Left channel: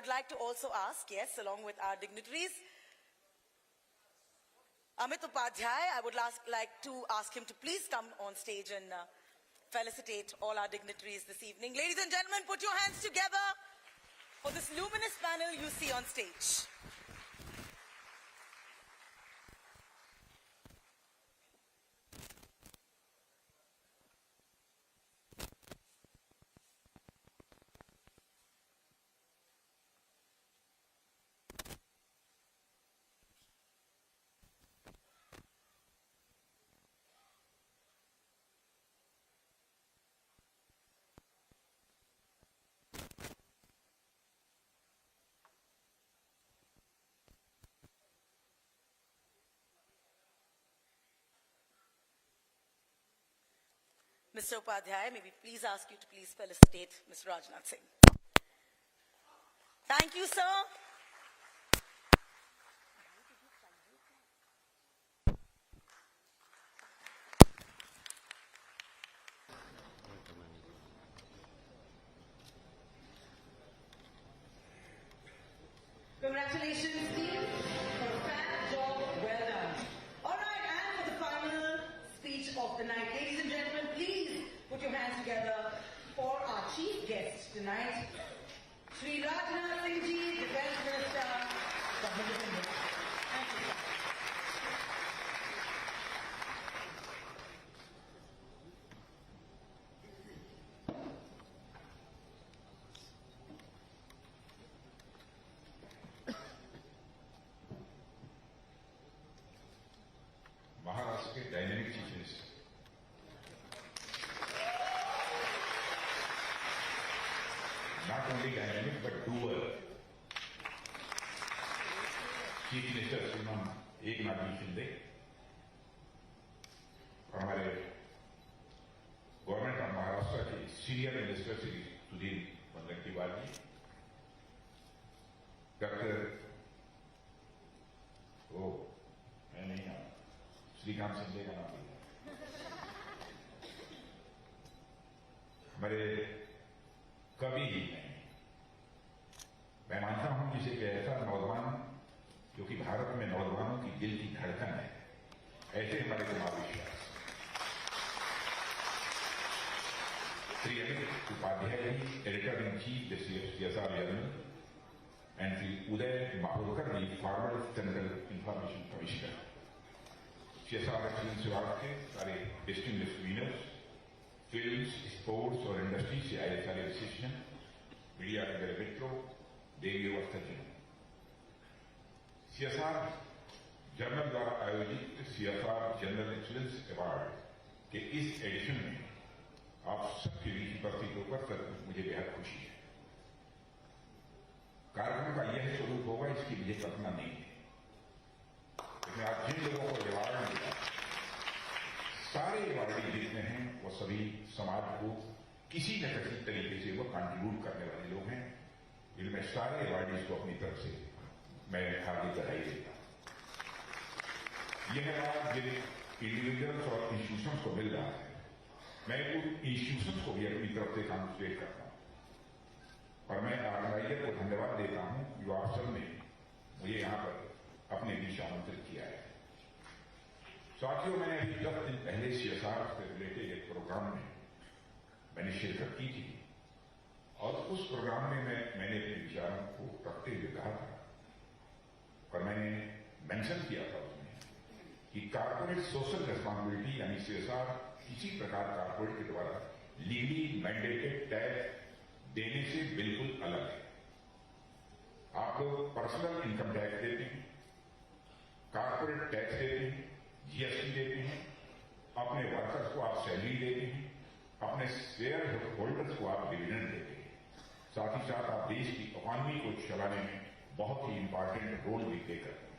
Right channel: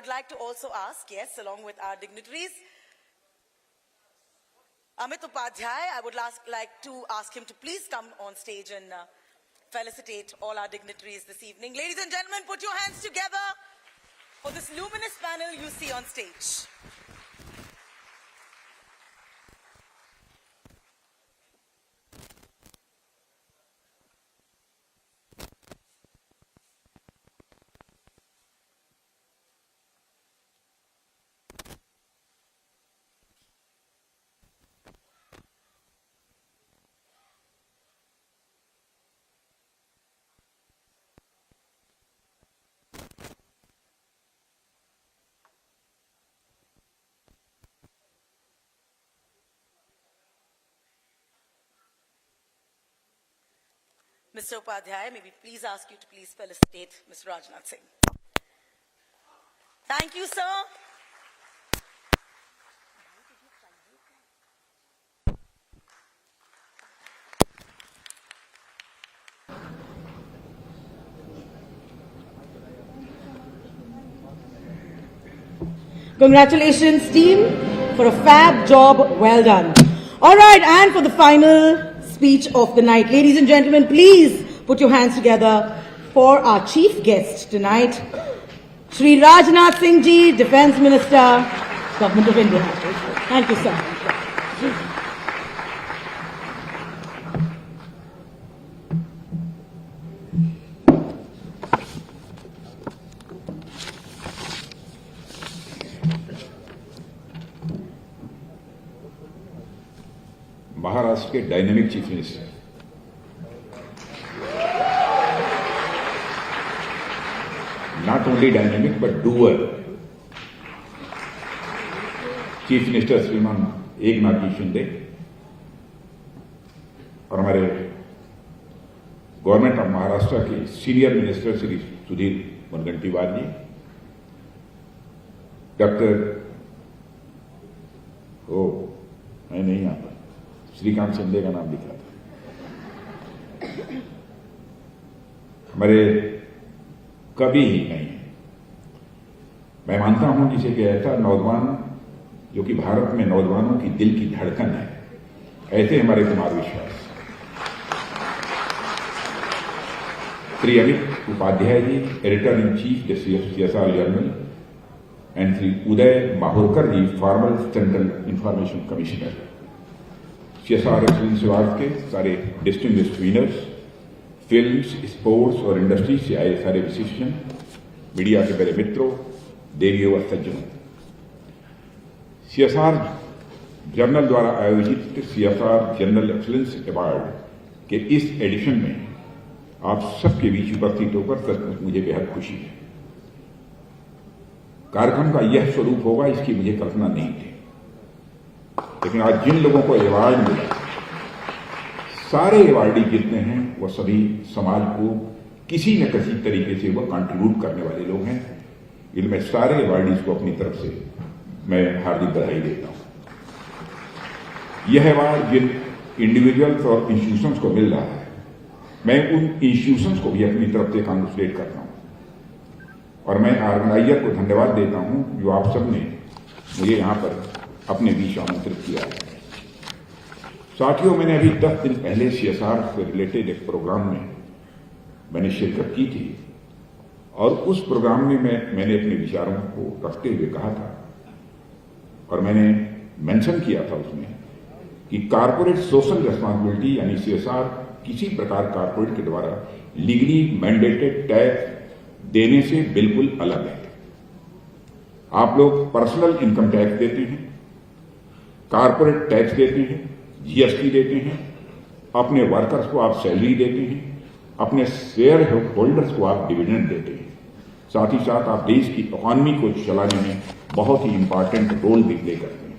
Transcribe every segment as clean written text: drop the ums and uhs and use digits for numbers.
I would like to also ask, yes, along with our dignitaries, Amit Upadhyay, I would like to ask him to please come on stage and felicitate all our dignitaries this evening. Ladies and gentlemen, put your hands together for this luminous panel you see on stage. Mr. Upadhyay, may we please ask you to please felicitate Mr. Rajnath Singh. Thank you, sir. Congratulations, team, for a fab job well done. All right, and for the final speech of the night, ladies and gentlemen, please put your hands together for our chief guest tonight, Shri Rajnath Singh Ji, Defence Minister, Government of India. Thank you, sir. Maharashtra के dynamic chief minister not only dynamic but doer chief minister श्रीमान एकनाथ जी शिंदे और हमारे government of Maharashtra के senior minister Shri Sudhir Mungantiwar जी, doctor मैं नहीं आता, श्रीकांत शिंदे का नाम लिखा था, हमारे कभी ही नहीं है। मैं मानता हूं जिसे कि ऐसा नौजवान जो कि भारत में नौजवानों की दिल की धड़कन है, ऐसे हमारे Kumar Vishwas, Shri Amit Upadhyay ji, editor in chief CSR journal, and Shri Uday Mahurkar ji, former central information commissioner, CSR excellence award के सारे डिस्टिंग्विश्ड विनर्स, फिल्म्स, स्पोर्ट्स और इंडस्ट्री से आए सारे विशिष्टजन, मीडिया के मेरे मित्रों, देवियों और सज्जनों, CSR जर्नल द्वारा आयोजित CSR जनरल एक्सीलेंस अवार्ड के इस एडिशन में आप सबके बीच उपस्थित होकर सचमुच मुझे बेहद खुशी है। कार्यक्रम का यह स्वरूप होगा इसकी मुझे कल्पना नहीं थी, लेकिन आज जिन लोगों को अवार्ड मिला, सारे अवार्डी जितने हैं वो सभी समाज को किसी न किसी तरीके से वो कंट्रीब्यूट करने वाले लोग हैं। इनमें सारे अवार्डीज को अपनी तरफ से मैं हार्दिक बधाई देता हूं। यह अवार्ड जिन इंडिविजुअल्स और इंस्टीट्यूशंस को मिल रहा है, मैं उन इंस्टीट्यूशंस को भी अपनी तरफ से कांग्रेचुलेट करता हूं और मैं ऑर्गेनाइजर को धन्यवाद देता हूं जो आप सबने मुझे यहां पर अपने बीच आमंत्रित किया है। साथियों, मैंने अभी 10 दिन पहले CSR से रिलेटेड एक प्रोग्राम में मैंने शिरकत की थी और उस प्रोग्राम में मैंने अपने विचारों को रखते हुए कहा था और मैंने मेंशन किया था उसमें कि कारपोरेट सोशल रिस्पांसिबिलिटी यानी CSR किसी प्रकार कारपोरेट के द्वारा लीगली मैंडेटेड टैक्स देने से बिल्कुल अलग है। आप लोग पर्सनल इनकम टैक्स देते हैं, कारपोरेट टैक्स देते हैं, GST देते हैं, अपने वर्कर्स को आप सैलरी देते हैं, अपने शेयर होल्डर्स को आप डिविडेंड देते हैं, साथ ही साथ आप देश की इकोनॉमी को चलाने में बहुत ही इंपॉर्टेंट रोल भी प्ले करते हैं।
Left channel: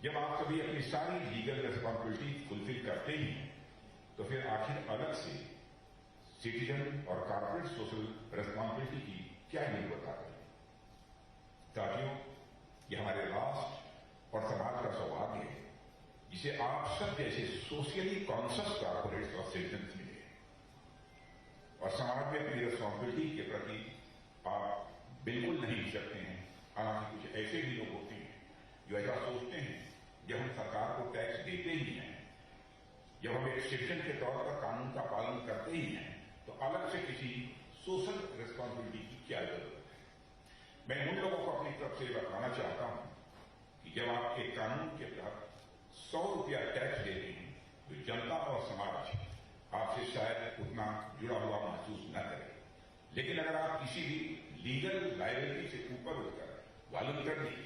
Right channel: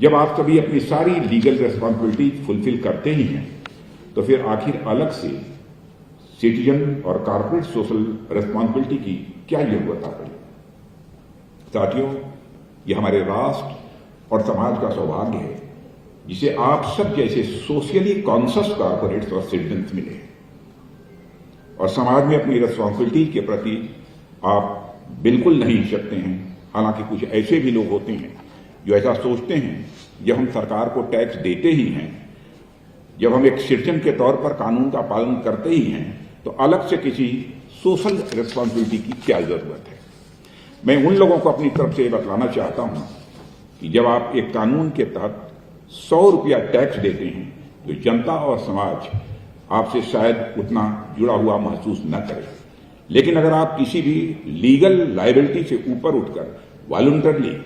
जब आप कभी अपनी सारी लीगल रिस्पॉन्सिबिलिटी फुलफिल करते ही हैं तो फिर आखिर अलग से सिटीजन और कारपोरेट सोशल रिस्पॉन्सिबिलिटी की क्या जरूरत आ रही है। साथियों, ये हमारे राष्ट्र और समाज का सौभाग्य है जिसे आप सब जैसे सोशली कॉन्शियस कारपोरेट्स और सिटीजन्स मिले और समाज में अपनी रिस्पॉन्सिबिलिटी के प्रति आप बिल्कुल नहीं सकते हैं। हालांकि कुछ ऐसे भी लोग होते हैं जो ऐसा सोचते हैं, जब हम सरकार को टैक्स देते ही हैं, जब हम एक सिटीजन के तौर पर कानून का पालन करते ही हैं, तो अलग से किसी सोशल रिस्पॉन्सिबिलिटी की क्या जरूरत है। मैं उन लोगों को अपनी तरफ से बतलाना चाहता हूं कि जब आप एक कानून के तहत 100 रुपया टैक्स देते हैं, तो जनता और समाज आपसे शायद उतना जुड़ा हुआ महसूस न करे। लेकिन अगर आप किसी भी लीगल लायबिलिटी से ऊपर उठकर वॉलंटरली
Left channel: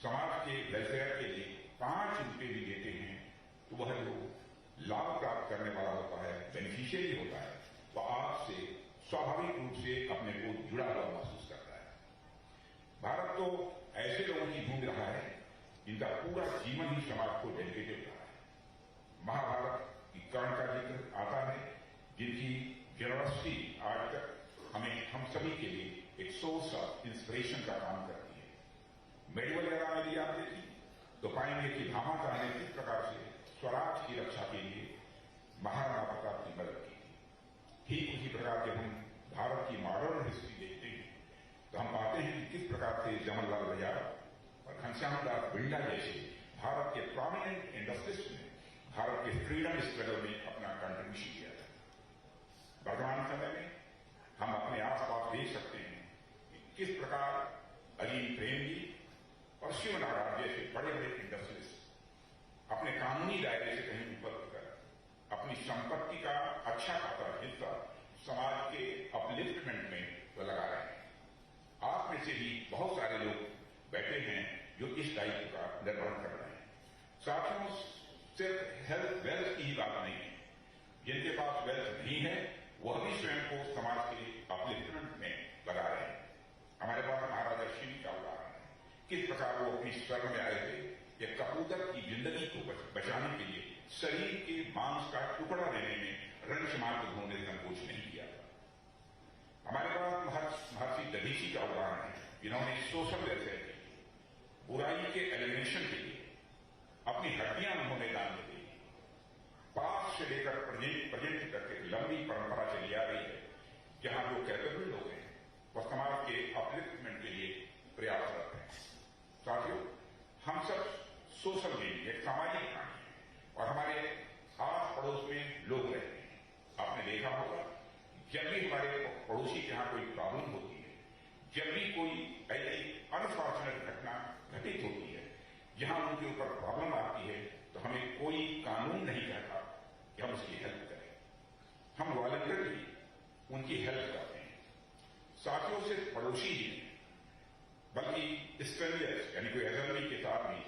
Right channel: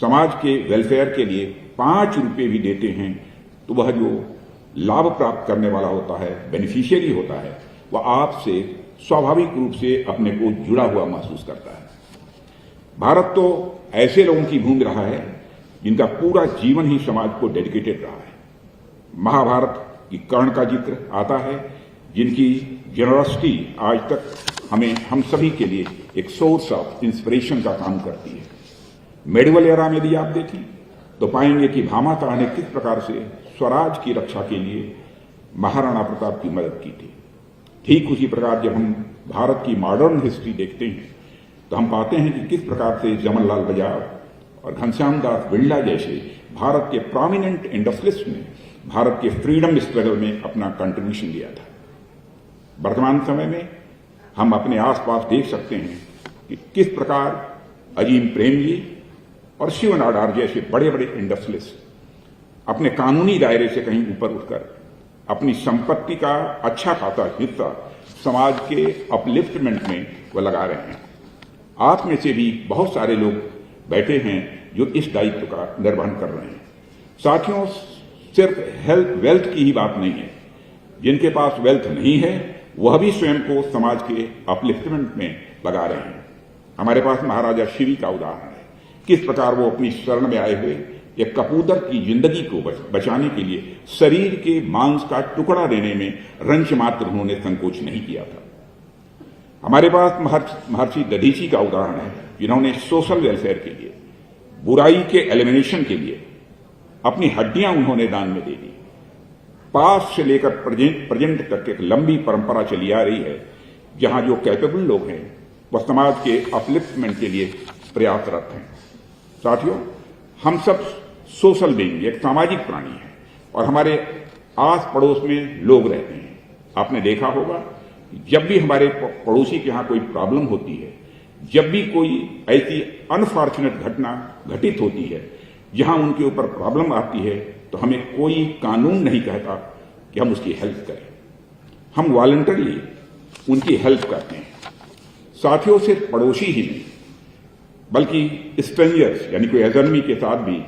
समाज के वेलफेयर के लिए 5 रुपये भी देते हैं, तो वह जो लाभ प्राप्त करने वाला होता है, बेनिफिशियरी होता है, वह आपसे स्वाभाविक रूप से अपने को जुड़ा हुआ महसूस करता है। भारत तो ऐसे लोगों की भूमि रहा है जिनका पूरा जीवन ही समाज को डेडिकेटेड रहा है। महाभारत की कर्ण का जिक्र आता है, जिनकी जेनरसिटी आज तक हम सभी के लिए एक सोर्स ऑफ इंस्पिरेशन का काम करती है। मेडिवल एरा में भी आप देखें तो पाएंगे कि भामाशाह ने किस प्रकार से स्वराज की रक्षा के लिए महाराणा प्रताप की मदद की थी। ठीक उसी प्रकार जब हम भारत की मॉडर्न हिस्ट्री देखते हैं तो हम पाते हैं कि किस प्रकार से जमनलाल बजाज और घनश्याम दास बिरला जैसे भारत के प्रोमिनेंट इंडस्ट्रियलिस्ट ने भारत के फ्रीडम स्ट्रगल में अपना कंट्रीब्यूशन दिया था। वर्तमान समय में हम अपने आसपास देख सकते हैं कि किस प्रकार अजीम प्रेमजी और शिव नाडार जैसे बड़े बड़े इंडस्ट्रियलिस्ट अपने कानूनी दायरे से कहीं ऊपर उठकर अपनी संपत्ति का अच्छा खासा हिस्सा समाज के अपलिफ्टमेंट में वह लगा रहे हैं। आप में से भी बहुत सारे लोग बैठे हैं जो इस दायित्व का निर्वहन कर रहे हैं। साथियों, सिर्फ हेल्थ वेल्थ की ही बात नहीं है। जिनके पास वेल्थ नहीं है वह भी स्वयं को समाज के अपलिफ्टमेंट में लगा रहे हैं। हमारे पास महाराजा शिवी का उदाहरण है, किस प्रकार वो अपनी शरण में आए हुए एक कपूतर की जिंदगी को बचाने के लिए शरीर के मांस का टुकड़ा देने में रंच मात्र उन्होंने संकोच नहीं किया था। हमारे पास महर्षि दधीची का उदाहरण है, जिन्होंने सोशल वेलफेयर के लिए, बुराई के एलिमिनेशन के लिए अपनी हड्डियां उन्होंने दान में दे दी। पास से लेकर प्रेजेंट तक एक लंबी परंपरा चली आ रही है, जहां जो कैपेबल लोग हैं वह समाज के अपलिफ्टमेंट के लिए प्रयासरत हैं। साथियों, हम सब सोशल बीइंग, एक सामाजिक प्राणी हैं और हमारे आस पड़ोस में लोग रहते हैं। आपने देखा होगा जब भी हमारे पड़ोसी के यहां कोई प्रॉब्लम होती है, जब भी कोई ऐसी अनफॉर्चुनेट घटना घटित होती है जहां उनके ऊपर प्रॉब्लम आती है, तो हमें कोई कानून नहीं कहता कि हम उसकी हेल्प करें। हम वॉलंटरली उनकी हेल्प करते हैं। साथियों, सिर्फ पड़ोसी ही नहीं बल्कि स्ट्रेंजर्स यानी कोई अजनबी के साथ भी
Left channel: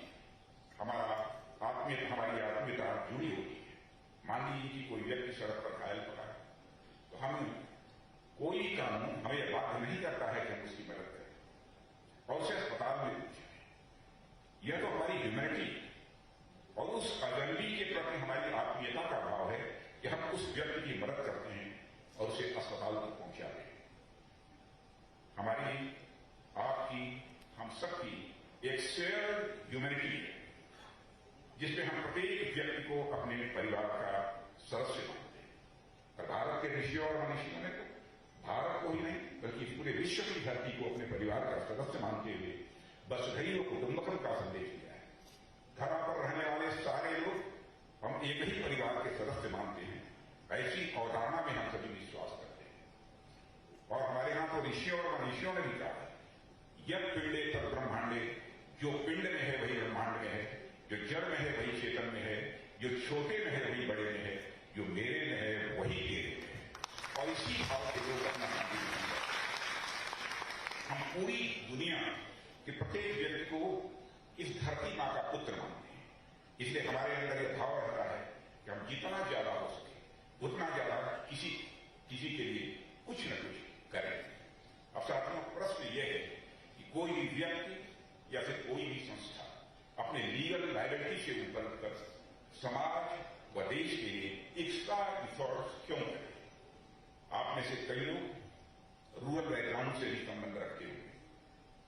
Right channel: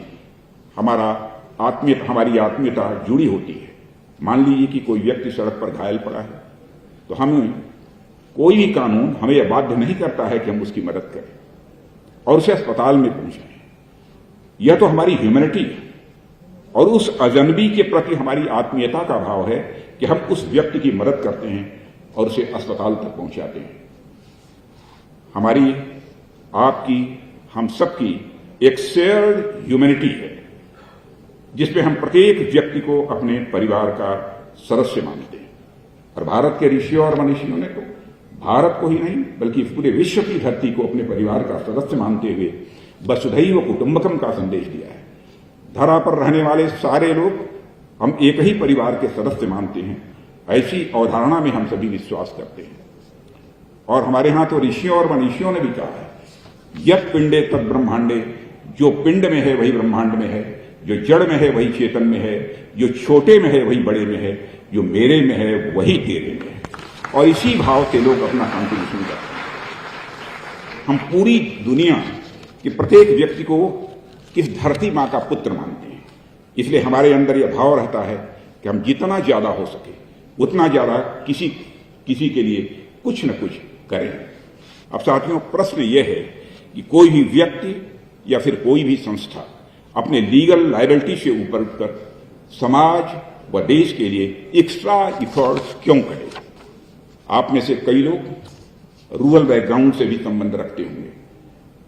हमारी आत्मीयता जुड़ी होती है। मान लीजिए कि कोई व्यक्ति सड़क पर घायल पड़ा है, तो हमें कोई भी कानून हमें यह बाध्य नहीं करता है कि हम उसकी मदद करें और उसे अस्पताल में पहुंचाएं। यह तो हमारी ह्यूमैनिटी है और उस अजनबी के प्रति हमारी आत्मीयता का भाव है कि हम उस व्यक्ति की मदद करते हैं और उसे अस्पताल तक पहुंचाते हैं। हमारी, आपकी, हम सबकी एक शेयर्ड ह्यूमैनिटी है जिसमें हम प्रत्येक व्यक्ति को अपने परिवार का सदस्य मानते हैं। और भारत के ऋषियों और मनीषियों ने तो भारत को ही नहीं बल्कि पूरे विश्व की धरती को अपने परिवार का सदस्य मानते हुए वसुधैव कुटुंबकम का संदेश दिया है। धरा पर रहने वाले सारे लोग हम एक ही परिवार के सदस्य मानते हैं, ऐसी अवधारणा में हम सभी विश्वास करते हैं। और हमारे यहां तो ऋषियों और मनीषियों ने भी कहा है, यत् पिंडे तद ब्रह्मांडे, जो पिंड में है वही ब्रह्मांड में है, जो जड़ में है वही चेतन में है, जो छोटे में है वही बड़े में है, जो मेरे में है वही तेरे में है। और इसी भाव से लोग अपना कंट्रीब्यूशन करते हैं। हम पूरी दुनिया के प्रत्येक व्यक्ति को किस धरती मां का पुत्र मानते हैं, इसलिए हमारे अंदर यह भाव रहता है कि हम जितना ज्यादा हो सके उतना ज्यादा किसी के लिए कुछ न कुछ करें। अब साथियों, प्रश्न यह है कि कोई भी व्यक्ति या फिर कोई भी संस्था अपने लीगल लायबिलिटी से ऊपर उठकर समाज व देश के लिए एक्स्ट्रा इफर्ट्स क्यों करे? आप में से कई लोग रूरल बैकग्राउंड से भी संबंध रखते होंगे।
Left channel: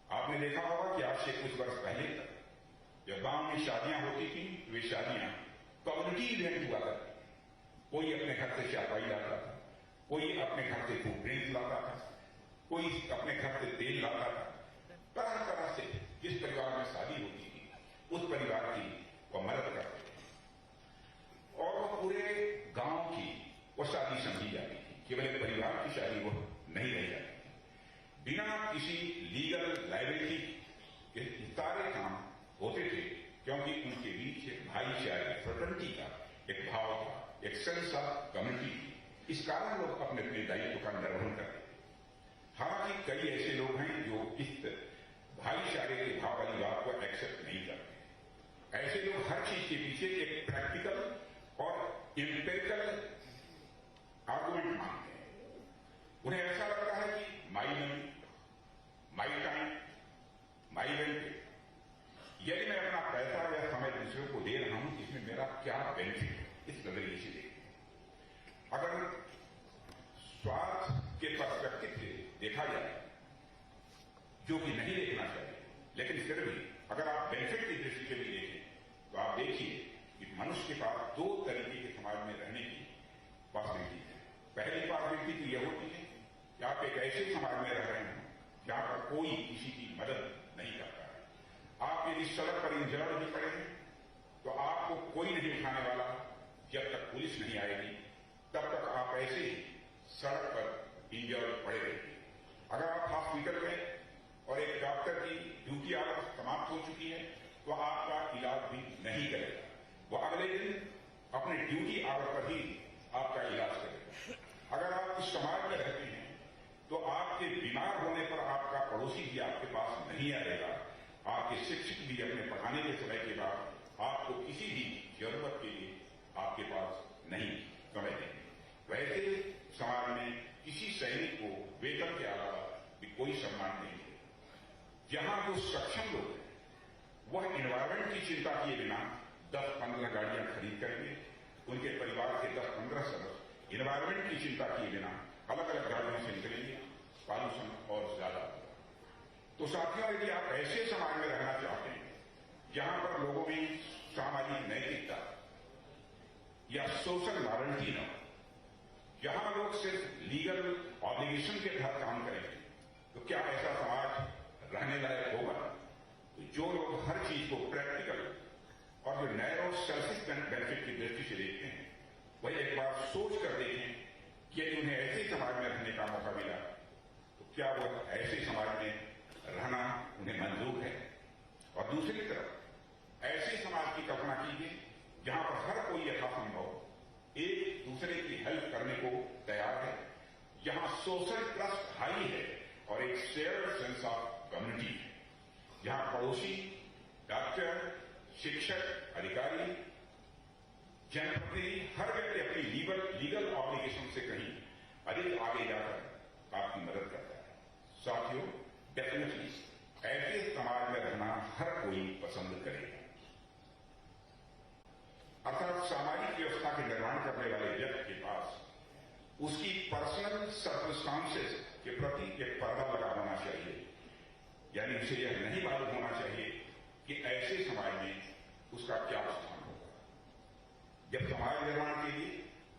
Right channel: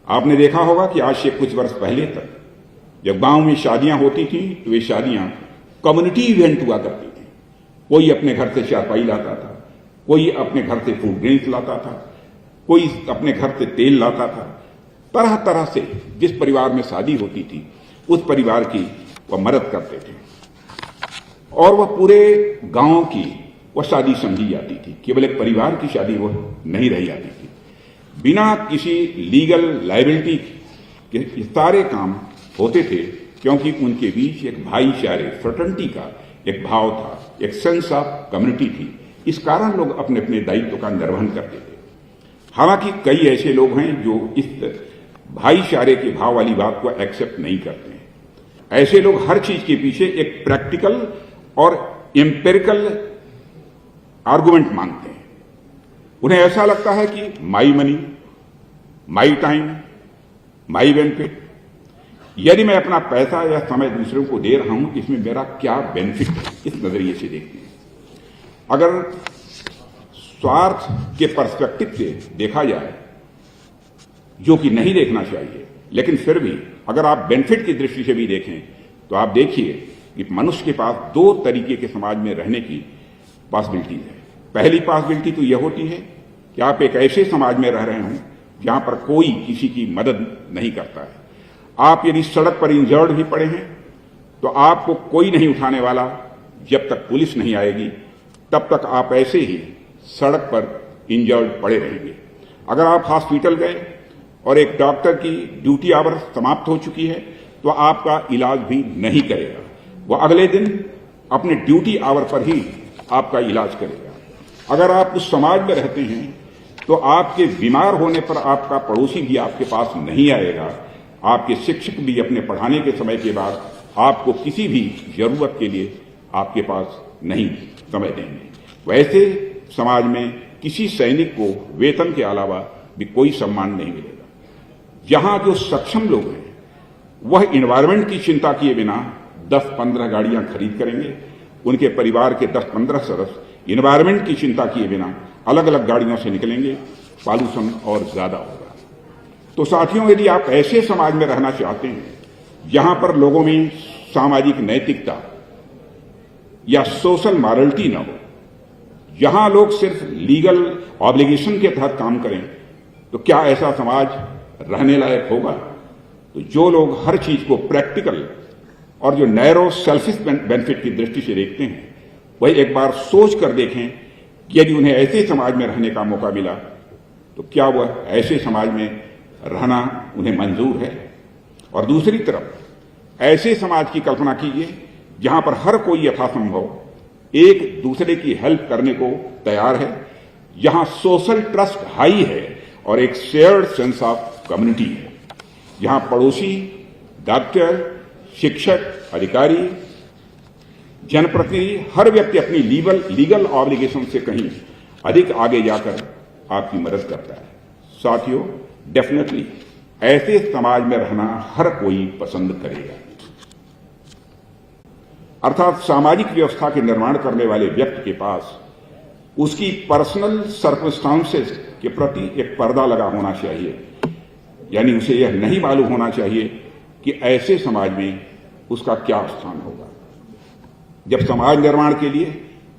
आपने देखा होगा कि आज से कुछ वर्ष पहले तक जब गांव में शादियां होती थी तो वे शादियां कम्युनिटी इवेंट हुआ करती थी। कोई अपने घर से चारपाई लाता था, कोई अपने घर से फूड ड्रिंक्स लाता था, कोई अपने घर से तेल लाता था। तरह तरह से जिस परिवार में शादी होती थी उस परिवार की वह मदद करते थे और वह पूरे गांव की वह शादी समझी जाती थी। केवल एक परिवार की शादी वो नहीं रह जाती थी। बिना किसी लीगल लायबिलिटी के सारे काम होते थे, क्योंकि उनके बीच एक भाईचारे फ्रेटर्निटी का एक भाव था, एक सेंस ऑफ कम्युनिटी थी। इस कारण लोग अपने अपने दायित्व का निर्वहन करते थे। हालांकि कई ऐसे लोग हैं जो इस भाईचारे के भाव वाली बात को एक्सेप्ट नहीं करते हैं। ऐसे लोग हर चीज के पीछे एक प्रैक्टिकल और एम्पेरिकल आर्गुमेंट मांगते हैं। उन्हें ऐसा लगता है कि my money, my time, my benefit. यदि मैं अपना पैसा या समय दूसरों को दे रहा हूं, इसमें मेरा क्या बेनिफिट है, इस नजरिए से देखते हैं। अगर स्वार्थ के पर्सपेक्टिव से देखा जाए, जो कि नहीं देखना चाहिए, लेकिन फिर भी अगर आप बेनिफिट की दृष्टि से भी देखें तो आप देखिए कि मनुष्य के पास दो तरीके के समाज में रहने की पॉसिबिलिटी है। पहली पॉसिबिलिटी तो यह होती है कि आप एक ऐसे समाज में रह रहे हों जहां पर कोई किसी की मदद नहीं करता है। आप यदि सड़क पर इंजर्ड भी पड़े हैं तो आपको कोई नहीं उठाने वाला। जब तक पुलिस नहीं आएगी तब तक आप ऐसे ही सड़क पर इंजर्ड पड़े रहेंगे। अगर आप हॉस्पिटल गए और एक डॉक्टर की ड्यूटी आवर समाप्त हो चुकी है तो आपका इलाज भी नहीं करेगा, वह अगले दिन अपने ड्यूटी आवर पर ही आपका इलाज करेगा। अगर आप उस समाज में रहते हैं तो आपके बीमार होने पर आपका पड़ोसी भी आपके पास नहीं आएगा। आपके शिक्षक भी अपने पढ़ाने के समय के बाद आपको किसी भी जरूरत के लिए आपके पास नहीं समय देंगे। वैसे समाज में किसी सैनिक को वेतन के अलावा भी कोई सम्मान नहीं मिलेगा। जहां जो सक्षम लोग हैं वह एनवायरमेंट की चिंता किए बिना 10-15 गाड़ियां खरीद करेंगे। उनके परिवार के 10-15 सदस्य एनवायरमेंट की चिंता किए बिना अलग अलग गाड़ियों से निकलेंगे, पॉल्यूशन और ज्यादा होगा। तो साथियों, यदि आप ऐसे समाज में रहना चाहते हैं जहां पर लोगों में सामाजिक नैतिकता या सोशल मॉरलिटी न हो, जहां लोग सिर्फ लीगल ऑब्लिगेशन के तहत काम करें, तो क्या ऐसा समाज रहने लायक होगा? तो जो लोग हर चीज को प्रैक्टिकल और जो नैरो सेल्फिश बेनिफिट की दृष्टि से देखते हैं, वही एक बार सोच कर देखें कि यदि उन्हें ऐसे समाज में रहने का मौका मिला तो क्या वह ऐसे समाज में रहना उन्हें मंजूर है? और दूसरी तरफ ऐसे समाज की कल्पना कीजिए जहां पर हर कोई यथासंभव एक दूसरे की हेल्प करने को तैयार है, जहां सोशल ट्रस्ट हाई है और एक शेयर्ड सेंस ऑफ कम्युनिटी है, जहां पड़ोसी, डॉक्टर, शिक्षक, अधिकारी, जनप्रतिनिधि, हर व्यक्ति अपनी लीगल ऑब्लिगेशन से कहीं अधिक आगे जाकर आपकी मदद करता है। साथियों, डेफिनेटली ऐसे समाज में रहना हर कोई पसंद करेगा। अर्थात सामाजिक व्यवस्था के निर्माण करने वाले व्यक्ति के पास उसकी पर्सनल सर्कमस्टांसेस के प्रति एक पर्दा लगा होना चाहिए। यानी उसे यह नहीं मालूम होना चाहिए कि ऐसे समाज में उसका क्या स्थान होगा। जब समाज निर्माण के लिए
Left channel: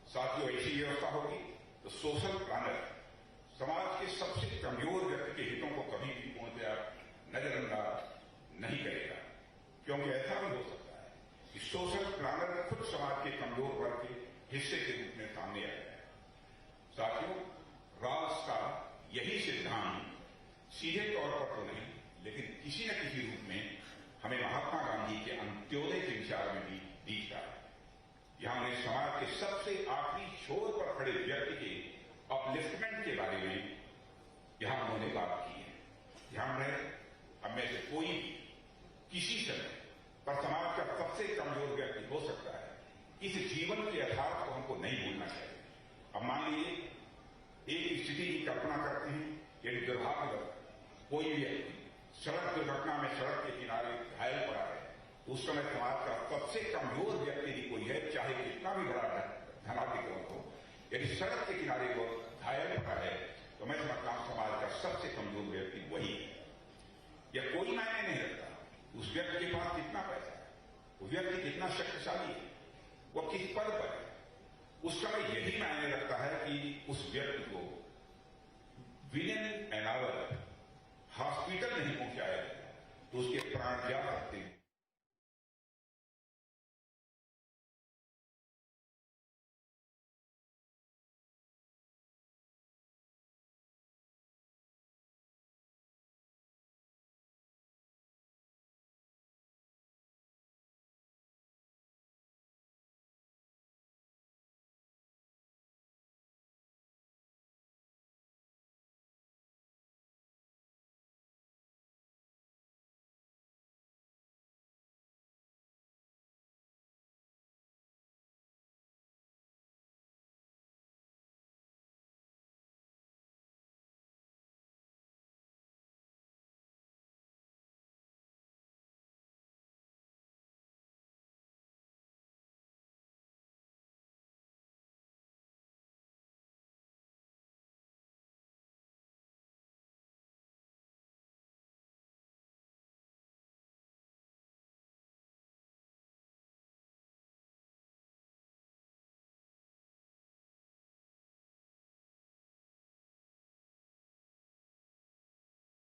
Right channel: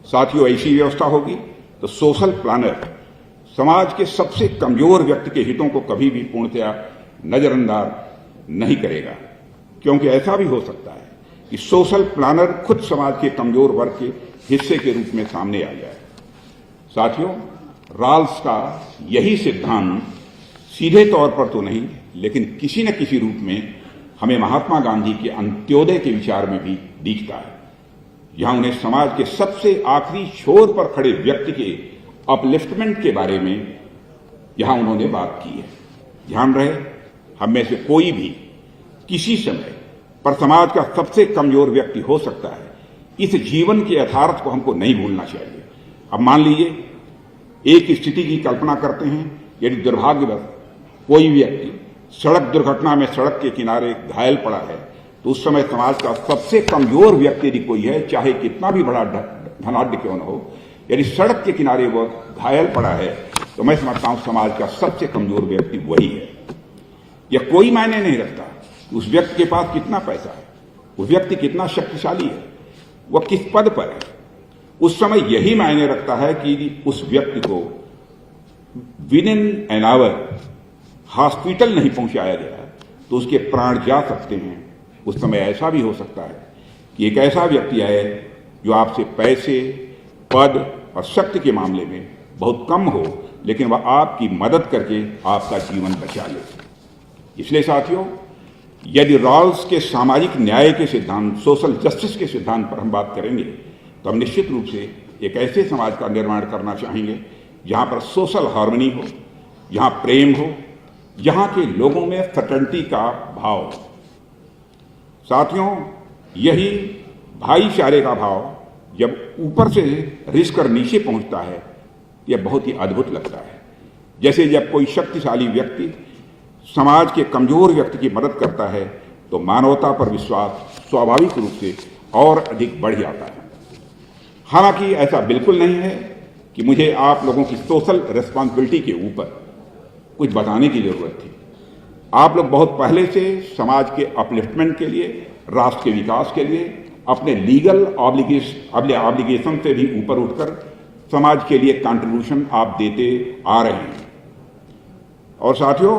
साथियों ऐसी व्यवस्था होगी तो सोशल प्लानर समाज के सबसे कमजोर व्यक्ति के हितों को कभी भी पूर्णतया नजरअंदाज नहीं करेगा, क्योंकि ऐसा भी हो सकता है कि सोशल प्लानर खुद समाज के कमजोर वर्ग के हिस्से के रूप में सामने आ जाए। साथियों, रॉल्स का यही सिद्धांत सीधे तौर पर तो नहीं, लेकिन किसी न किसी रूप में हमें महात्मा गांधी के अंत्योदय के विचार में भी दिखता है, जहां उन्हें समाज के सबसे आखिरी छोर पर खड़े व्यक्ति के अपलिफ्टमेंट के बारे में यहां उन्होंने बात की है। ध्यान रहे, हम में से कोई भी किसी समय पर समाज का सबसे कमजोर व्यक्ति हो सकता है। इस जीवन के यथार्थ को हमको नहीं भूलना चाहिए। अब मान लीजिए एक स्थिति की कल्पना करते हैं, यदि दुर्भाग्यवश कोई व्यक्ति सड़क दुर्घटना में सड़क के किनारे घायल पड़ा है, तो उस समय समाज का सबसे कमजोर व्यक्ति यदि कोई है, चाहे कितना भी बड़ा धनाढ्य क्यों न हो, यदि सड़क के किनारे वह घायल पड़ा है, तो मैं समझता हूं समाज का सबसे कमजोर व्यक्ति वही है। यह कोई मायने नहीं रखता उस व्यक्ति के पास कितना पैसा है, वो व्यक्ति कितना शक्तिशाली है, वह किस पद पर है। उस समय यही मायने रखता है कि उस व्यक्ति को with in an hour hospital नहीं पहुंचाया गया तो उसके प्राण जा सकते हैं। उस समय ऐसा भी हो सकता है कि एक ऐसा व्यक्ति आए जो आपसे पैसे, पद और शक्ति के मामले में बहुत कम हो, लेकिन वह आपकी मदद करके आपका जीवन बचा ले। इसलिए साथियों, यदि रॉल्स के सामाजिक न्याय के सिद्धांत, सोशल जस्टिस के सिद्धांत पर हम बात करेंगे तो हम निश्चित रूप से एक ऐसे समाज का निर्माण करना चाहेंगे जहां पर सोशल हार्मनी हो, जहां प्रेम हो, जहां के लोगों में फ्रेटर्निटी का भाव हो। साथियों, यही भाईचारे का भाव जब ऊपर से रिस कर नीचे पहुंचता है, यह बहुत ही अद्भुत लगता है। जैसे जब कोई शक्तिशाली व्यक्ति समाज के कमजोर व्यक्ति की मदद करता है तो मानवता पर विश्वास स्वाभाविक रूप से और अधिक बढ़ जाता है। हालांकि ऐसा बिल्कुल नहीं है कि मुझे आप लोगों की सोशल रिस्पॉन्सिबिलिटी के ऊपर कुछ बताने की जरूरत थी। आप लोग बहुत पहले से समाज के अपलिफ्टमेंट के लिए, राष्ट्र के विकास के लिए अपने लीगल ऑब्लिगेशन से भी ऊपर उठकर समाज के लिए कंट्रीब्यूशन आप देते आ रहे हैं। और साथियों,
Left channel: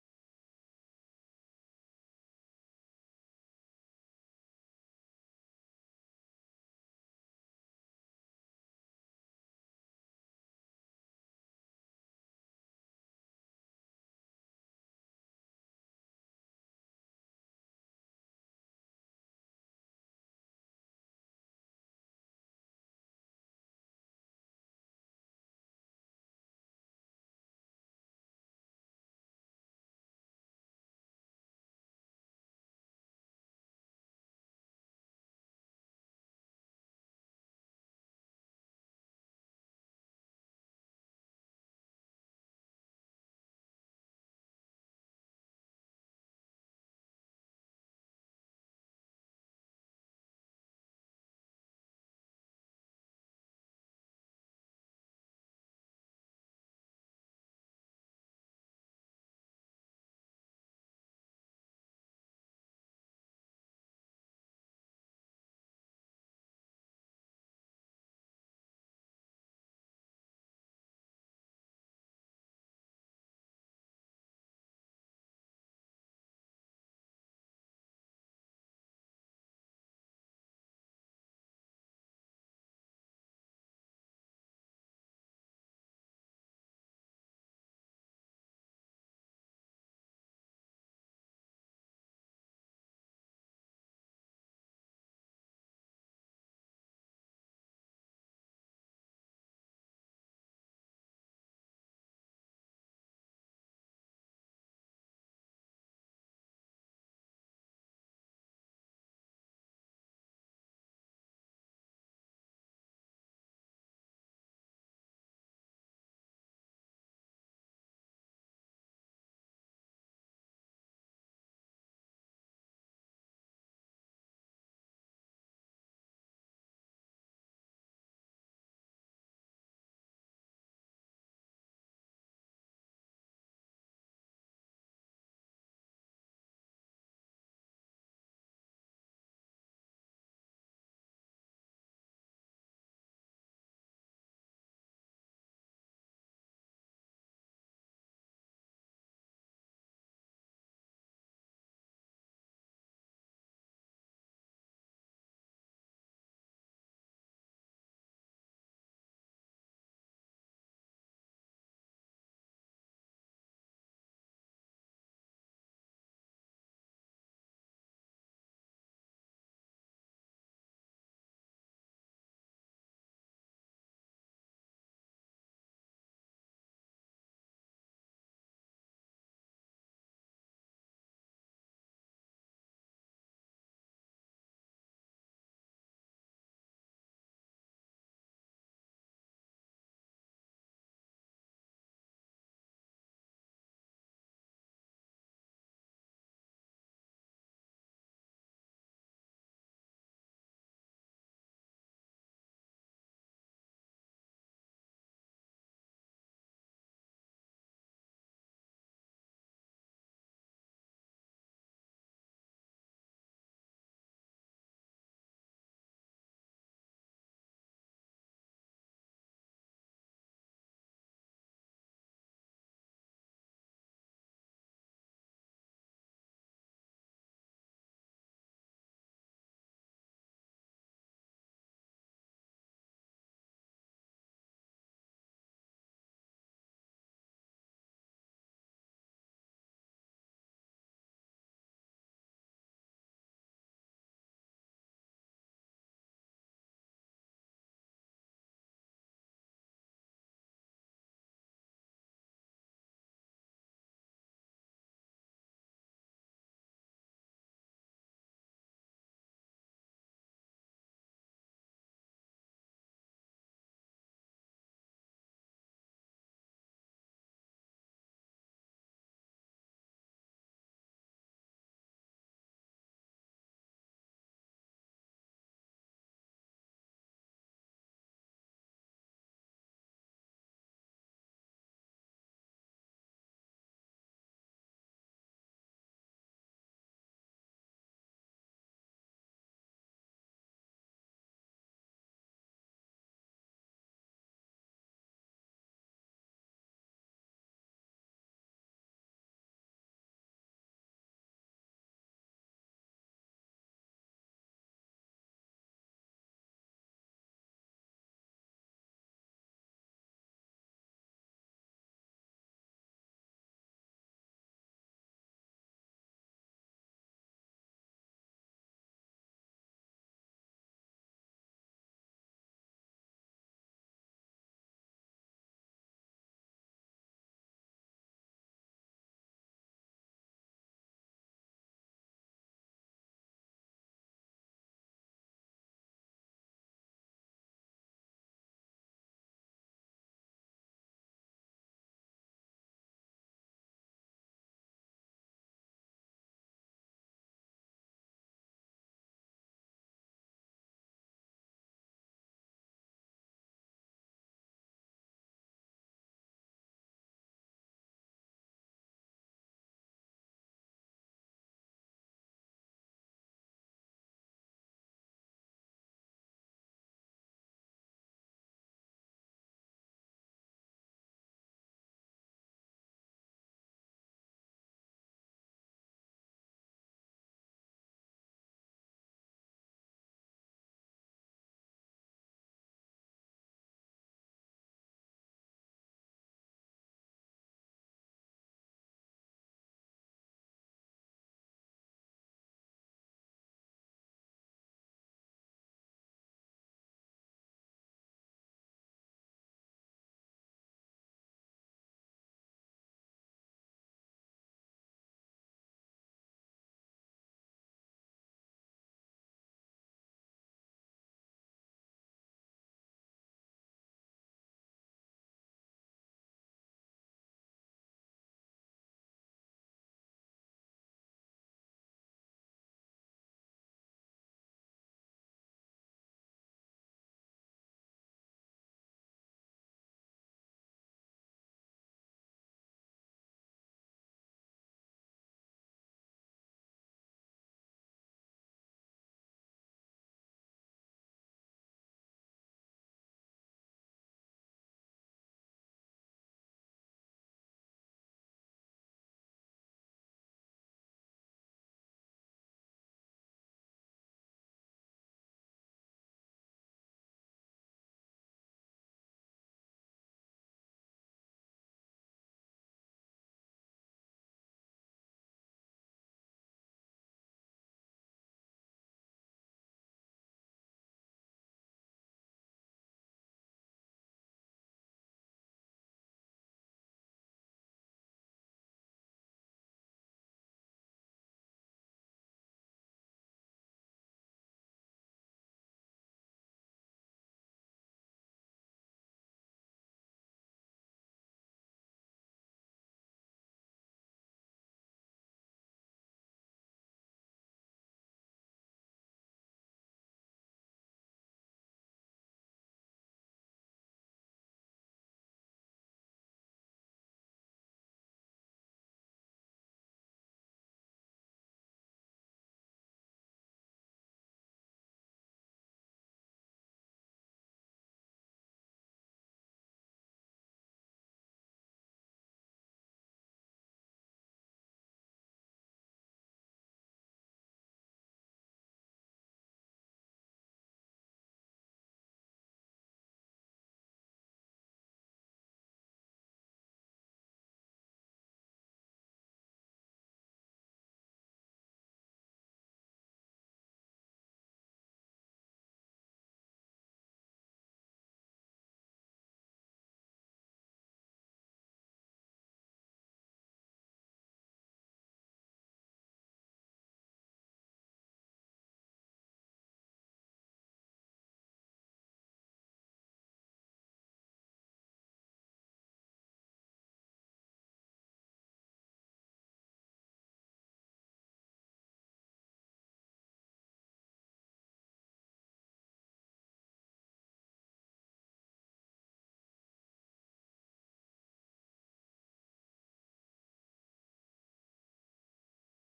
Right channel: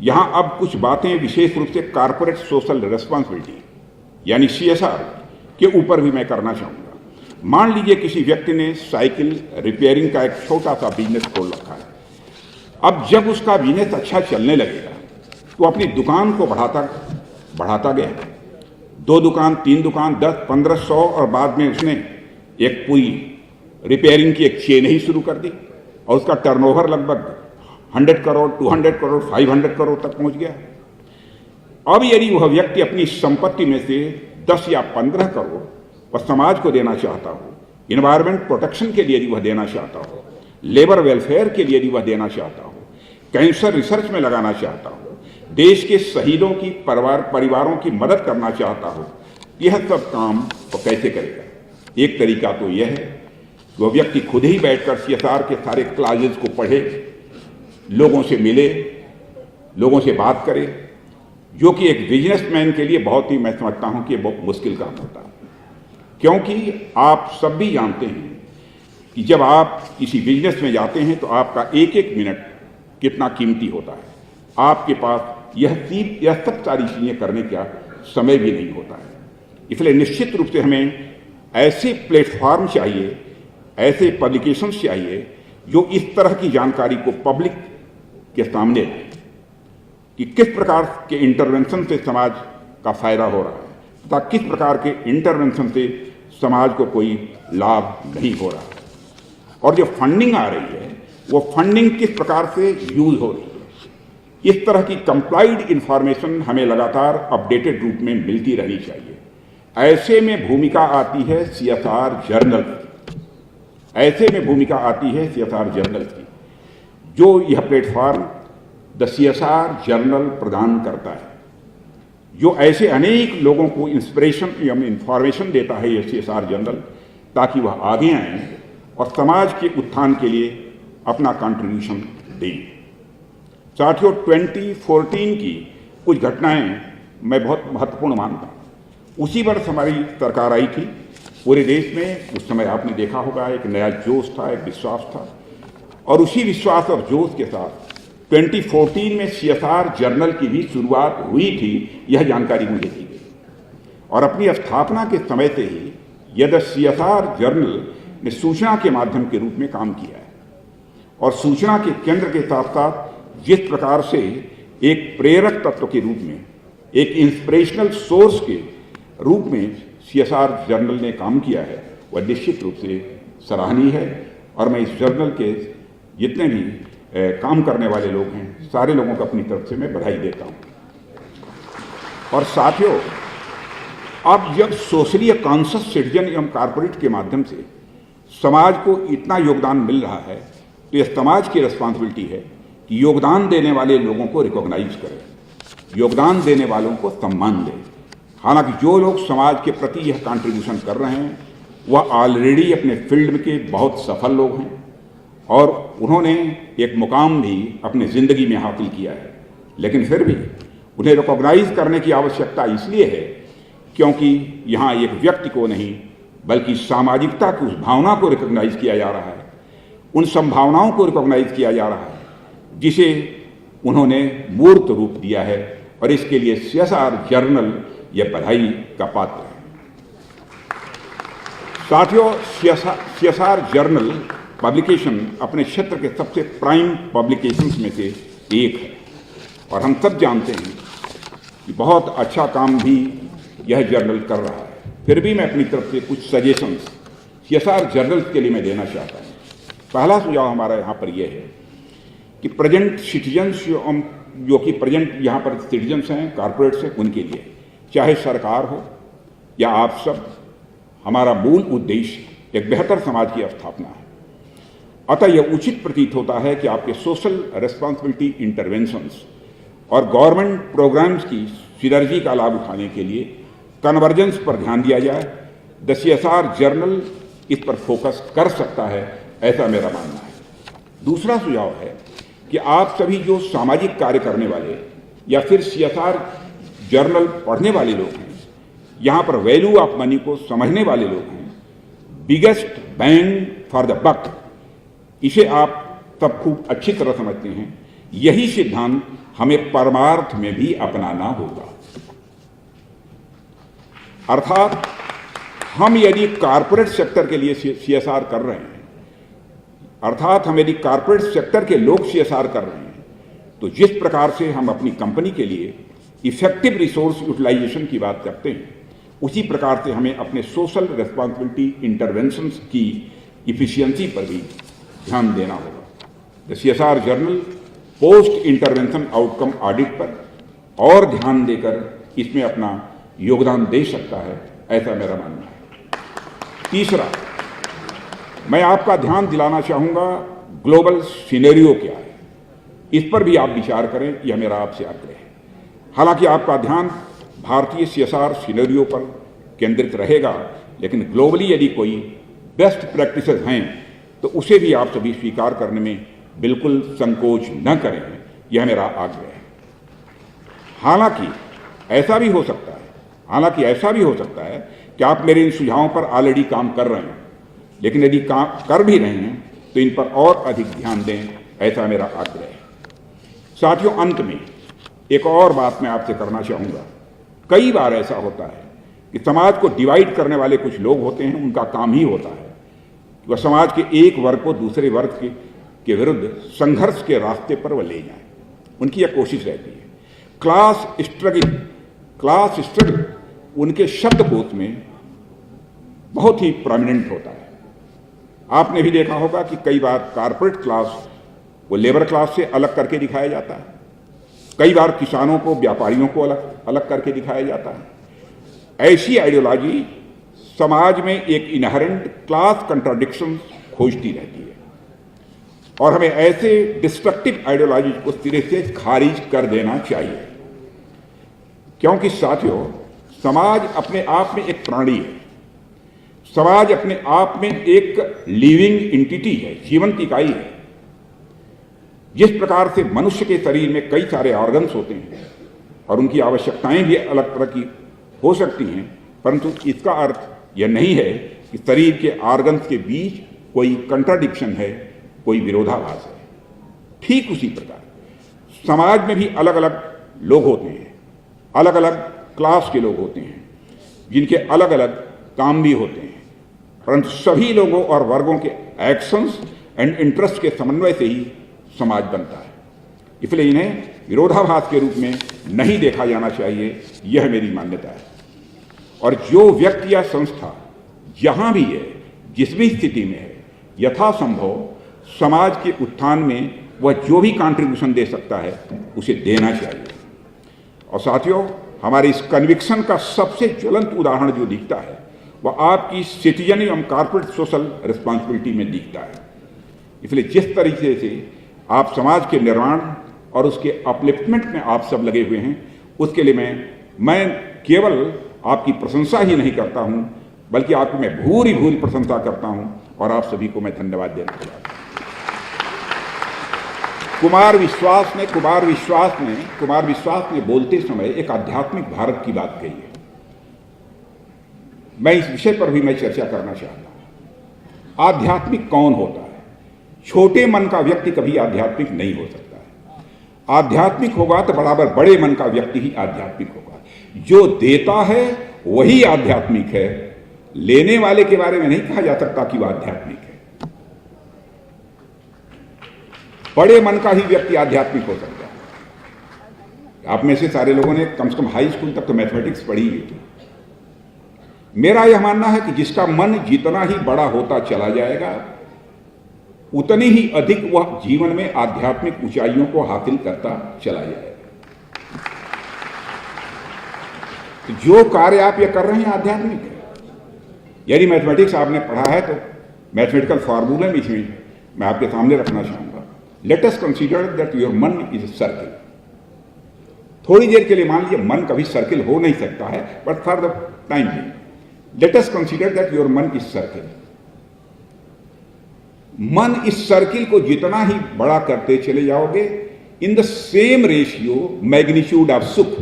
यहां अब कुछ बातें विशेष रूप से कॉर्पोरेट सोशल रिस्पॉन्सिबिलिटी यानी CSR के ऊपर भी मैं करना चाहूंगा। मान लीजिए किसी व्यक्ति ने साइकिल रिपेयरिंग का एक छोटा सा बिजनेस खोल रखा है। अब जब उसका बिजनेस अच्छा चलने लगेगा तो अपनी दुकान को बढ़ाता गया, 2 दुकान, 3 दुकान, 10, 15, 100 और बाद में उसने एक पूरी रिपेयरिंग की एक चेन ही शुरू कर दी और उसका टर्नओवर लगभग 100 करोड़, 200 करोड़, 500 करोड़ तक पहुंच गया। अब यदि वह व्यक्ति अपनी संपत्ति में से 10 या 15 करोड़ वह समाज को देना चाहता हो, इन्वायरमेंट प्रोटेक्शन के लिए यदि वह देना चाहता हो, लेबर वेलफेयर के लिए यदि वह देना चाहता हो, कैंसर रिसर्च में लगाना चाहता हो, देश के शहीदों की परिवारों की मदद करना चाहता हो, यह सब काम वो कैसे करेगा? एक तरीका तो यह है कि वह व्यक्ति खुद ही बैठकर CSR के सारे क्लाजेस को पढ़े, लोगों से मिले, लोगों से बात करे, जो कि एक बिजनेसमैन के लिए बहुत ही, मैं समझता हूं कि बहुत मुश्किल काम होता है। क्योंकि आप सब भी जानते हैं कि जब आप किसी बिजनेस में जाते हैं तो आपका एक एक मिनट कितना कीमती होता है। आपके पास यह सब सारी चीजें करने का समय भी नहीं होता है। इसलिए निश्चित रूप से हमें ऐसे प्लेटफॉर्म चाहिए, ऐसे पब्लिकेशंस चाहिए जो इस तरह की जानकारी को पब्लिक के सामने लाए कि किस प्रकार के इंटरवेंशन से समाज का फायदा हो रहा है तथा किस प्रकार के इंटरवेंशन से समाज को कोई लाभ नहीं हो रहा है, और जो फंडिंग आ रही है वो फंडिंग किस प्रकार से यूज हो रही है। इस तरह की कंप्लाइड इंफॉर्मेशन हमें लगातार अपडेटेड रूप में मिलती रहनी चाहिए। ऐसे में भूमिका आती है CSR जर्नल की, ऐसे में भूमिका आती है CSR जर्नल की, जो यह प्लेटफॉर्म द CSR जर्नल प्रदान करता है, जो ऐसे अनेक लोगों को इंस्पिरेशन या इंफॉर्मेशन देता है यह CSR जर्नल, ताकि वह आगे आएं और समाज के उत्थान के लिए अपना कंट्रीब्यूशन दें। साथियों, 2014 की कुछ घटनाएं मैं बहुत महत्वपूर्ण मानता हूं। उसी वर्ष हमारी सरकार आई थी पूरे देश में। उस समय आपने देखा होगा एक नया जोश था, एक विश्वास था, और उसी विश्वास और जोश के साथ 2014 में CSR जर्नल की भी शुरुआत हुई थी, यह जानकारी मुझे दी गई। और अपनी स्थापना के समय से ही यह CSR जर्नल ने सूचना के माध्यम के रूप में काम किया है, और सूचना के केंद्र के साथ साथ जिस प्रकार से एक प्रेरक तत्व के रूप में, एक इंस्पिरेशनल सोर्स के रूप में CSR जर्नल ने काम किया है, वह निश्चित रूप से सराहनीय है। और मैं इस जर्नल के जितने भी काम करने वाले लोग हैं, सारे लोगों को अपनी तरफ से मैं बधाई देता हूं। और साथियों, अब जब सोशली कॉन्शियस सिटीजन एवं कॉर्पोरेट के माध्यम से समाज को इतना योगदान मिल रहा है, तो यह समाज की रिस्पॉन्सिबिलिटी है कि योगदान देने वाले लोगों को रिकॉग्नाइज करें, योगदान देने वालों को सम्मान दें। हालांकि जो लोग समाज के प्रति यह कंट्रीब्यूशन कर रहे हैं वह ऑलरेडी अपने फील्ड के बहुत सफल लोग हैं और उन्होंने एक मुकाम भी अपनी जिंदगी में हासिल किया है, लेकिन फिर भी उन्हें रिकॉग्नाइज करने की आवश्यकता इसलिए है क्योंकि यहाँ एक व्यक्ति को नहीं बल्कि सामाजिकता की उस भावना को रिकॉग्नाइज किया जा रहा है, उन संभावनाओं को रिकॉग्नाइज किया जा रहा है जिसे उन्होंने मूर्त रूप दिया है, और इसके लिए CSR जर्नल यह बधाई का पात्र है। साथियों, CSR जर्नल पब्लिकेशन अपने क्षेत्र के सबसे प्राइम पब्लिकेशंस में से एक है, और हम सब जानते हैं कि बहुत अच्छा काम भी यह जर्नल कर रहा है। फिर भी मैं अपनी तरफ से कुछ सजेशंस CSR जर्नल्स के लिए मैं देना चाहता हूँ। पहला सुझाव हमारा यहाँ पर यह है कि प्रेजेंट सिटीजन्स जो कि प्रेजेंट यहाँ पर सिटीजन्स हैं, कॉरपोरेट्स हैं, उनके लिए, चाहे सरकार हो या आप सब, हमारा मूल उद्देश्य एक बेहतर समाज की स्थापना है। अतः यह उचित प्रतीत होता है कि आपके सोशल रेस्पॉन्सिबिलिटी इंटरवेंशंस और गवर्नमेंट प्रोग्राम्स की सिनर्जी का लाभ उठाने के लिए कन्वर्जेंस पर ध्यान दिया जाए। द CSR जर्नल इस पर फोकस कर सकता है, ऐसा मेरा मानना है। दूसरा सुझाव है कि आप सभी जो सामाजिक कार्य करने वाले या फिर CSR जर्नल पढ़ने वाले लोग हैं, यहाँ पर वैल्यू ऑफ मनी को समझने वाले लोग हैं, biggest bang for the buck, इसे आप सब खूब अच्छी तरह समझते हैं। यही सिद्धांत हमें परमार्थ में भी अपनाना होगा। अर्थात हम यदि कॉरपोरेट सेक्टर के लिए CSR कर रहे हैं, अर्थात हम यदि कॉरपोरेट सेक्टर के लोग CSR कर रहे हैं, तो जिस प्रकार से हम अपनी कंपनी के लिए इफेक्टिव रिसोर्स यूटिलाइजेशन की बात करते हैं, उसी प्रकार से हमें अपने सोशल रेस्पॉन्सिबिलिटी इंटरवेंशंस की इफिशियंसी पर भी ध्यान देना होगा। The CSR journal post intervention outcome audit पर और ध्यान देकर इसमें अपना योगदान दे सकता है, ऐसा मेरा मानना है। तीसरा, मैं आपका ध्यान दिलाना चाहूंगा ग्लोबल सिनेरियो क्या है, इस पर भी आप विचार करें, यह मेरा आपसे आग्रह है। हालांकि आपका ध्यान भारतीय CSR सिनेरियो पर केंद्रित रहेगा, लेकिन ग्लोबली यदि कोई बेस्ट प्रैक्टिसेस हैं तो उसे भी आप सभी स्वीकार करने में बिल्कुल संकोच न करें, यह मेरा आग्रह है। हालांकि ऐसा भी हो सकता है कि आप मेरे इन सुझावों पर ऑलरेडी काम कर रहे हैं, लेकिन यदि काम कर भी रहे हैं तो इन पर और अधिक ध्यान दें, ऐसा मेरा आग्रह है। साथियों, अंत में एक और बात मैं आपसे करना चाहूँगा। कई बार ऐसा होता है कि समाज को डिवाइड करने वाले कुछ लोग होते हैं, उनका काम ही होता है कि वह समाज के एक वर्ग को दूसरे वर्ग के विरुद्ध संघर्ष के रास्ते पर वह ले जाए। उनकी यह कोशिश रहती है। क्लास स्ट्रगल उनके शब्दकोश में बहुत ही प्रोमिनेंट होता है। आपने भी देखा होगा कि कई बार कॉर्पोरेट क्लास वो लेबर क्लास से अलग करके दिखाया जाता है, कई बार किसानों को, व्यापारियों को अलग करके दिखाया जाता है। ऐसी आइडियोलॉजी समाज में एक इनहेरेंट क्लास कंट्राडिक्शन खोजती रहती है, और हमें ऐसे डिस्ट्रक्टिव आइडियोलॉजी को सिरे से खारिज कर देना चाहिए। क्योंकि साथियों, समाज अपने आप में एक प्राणी है, समाज अपने आप में एक लिविंग एंटिटी है, जीवंत इकाई है। जिस प्रकार से मनुष्य के शरीर में कई सारे ऑर्गन्स होते हैं और उनकी आवश्यकताएं भी अलग तरह की हो सकती हैं, परंतु इसका अर्थ यह नहीं है कि शरीर के ऑर्गन्स के बीच कोई कंट्राडिक्शन है, कोई विरोधाभास है। ठीक उसी प्रकार समाज में भी अलग अलग लोग होते हैं, अलग अलग क्लास के लोग होते हैं, जिनके अलग अलग काम भी होते हैं, परंतु सभी लोगों और वर्गों के एक्शंस एंड इंटरेस्ट के समन्वय से ही समाज बनता है। इसलिए इन्हें विरोधाभास के रूप में नहीं देखा जाना चाहिए, यह मेरी मान्यता है। और जो व्यक्ति या संस्था जहां भी है, जिस भी स्थिति में है, यथासंभव समाज के उत्थान में वह जो भी कंट्रीब्यूशन दे सकता है उसे देना चाहिए। और साथियों, हमारे इस कन्विक्शन का सबसे ज्वलंत उदाहरण जो दिखता है वह आपकी सिटीजन एवं कॉर्पोरेट सोशल रिस्पॉन्सिबिलिटी में दिखता है। इसलिए जिस तरीके से आप समाज के निर्माण और उसके अपलिफ्टमेंट में आप सब लगे हुए हैं, उसके लिए मैं केवल आपकी प्रशंसा ही नहीं करता हूं, बल्कि आपकी मैं भूरी भूरी प्रशंसा करता हूं, और आप सभी को मैं धन्यवाद देना चाहता हूं। कुमार विश्वास ने बोलते समय एक आध्यात्मिक भारत की बात कही है। मैं इस विषय पर भी मैं चर्चा करना चाहता हूं। आध्यात्मिक कौन होता है? छोटे मन का व्यक्ति कभी आध्यात्मिक नहीं हो सकता है। आध्यात्मिक होगा तो बराबर बड़े मन का व्यक्ति ही आध्यात्मिक होगा। जो देता है वही आध्यात्मिक है, लेने वाले के बारे में नहीं कहा जा सकता कि वह आध्यात्मिक है। बड़े मन का ही व्यक्ति आध्यात्मिक हो सकता है। आप में से सारे लोगों ने कम से कम हाई स्कूल तक तो मैथमेटिक्स पढ़ी हुई थी। मेरा यह मानना है कि जिसका मन जितना ही बड़ा होता चला जाएगा उतनी ही अधिक वह जीवन में आध्यात्मिक ऊंचाइयों को हासिल करता चला जाएगा। तो जो कार्य आप ये कर रहे हैं आध्यात्मिक है। यदि मैथमेटिक्स आपने पढ़ा है तो मैथमेटिकल फॉर्मूला में मैं आपके सामने रखना चाहूंगा। Let us consider that your मन इज अ सर्किल। थोड़ी देर के लिए मान लीजिए मन कभी सर्किल हो नहीं सकता है, but for the time being let us consider that your मन इज सर्किल। मन इस सर्किल को जितना ही बड़ा करते चले जाओगे, in the same ratio magnitude of सुख,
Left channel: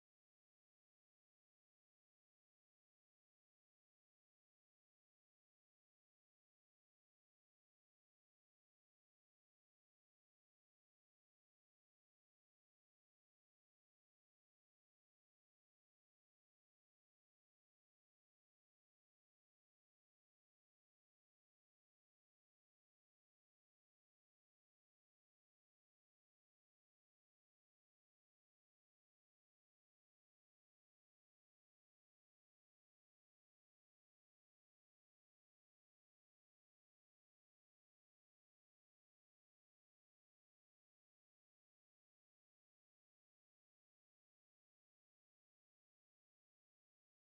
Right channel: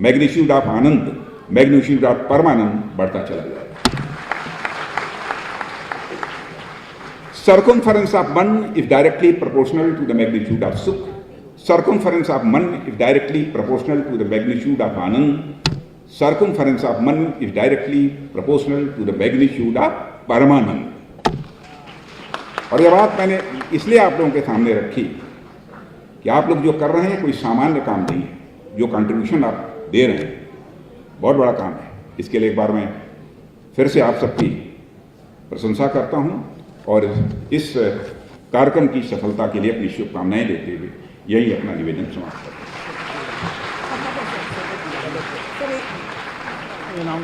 मैग्नीट्यूड ऑफ आनंद, मैग्नीट्यूड ऑफ परमानंद बढ़ता चला जाएगा। Circumference of man is directly proportional to the magnitude of sukh. Circumference of man is directly proportional to the magnitude of anand. Circumference of man is directly proportional to the magnitude of paramanand. और यह बात मैंने इसलिए आप लोगों के सामने रखी कि आप लोग जो कर रहे हैं कोई सामान्य काम नहीं है। जो कंट्रीब्यूशन आप दे रहे हैं बहुत बड़ा काम है। इसके लिए एक बार मैं फिर से आप सबकी प्रशंसा करता हूं और इस कार्यक्रम की सफलता के लिए अपनी शुभकामनाएं देते हुए यही अपना निवेदन समाप्त करता हूं।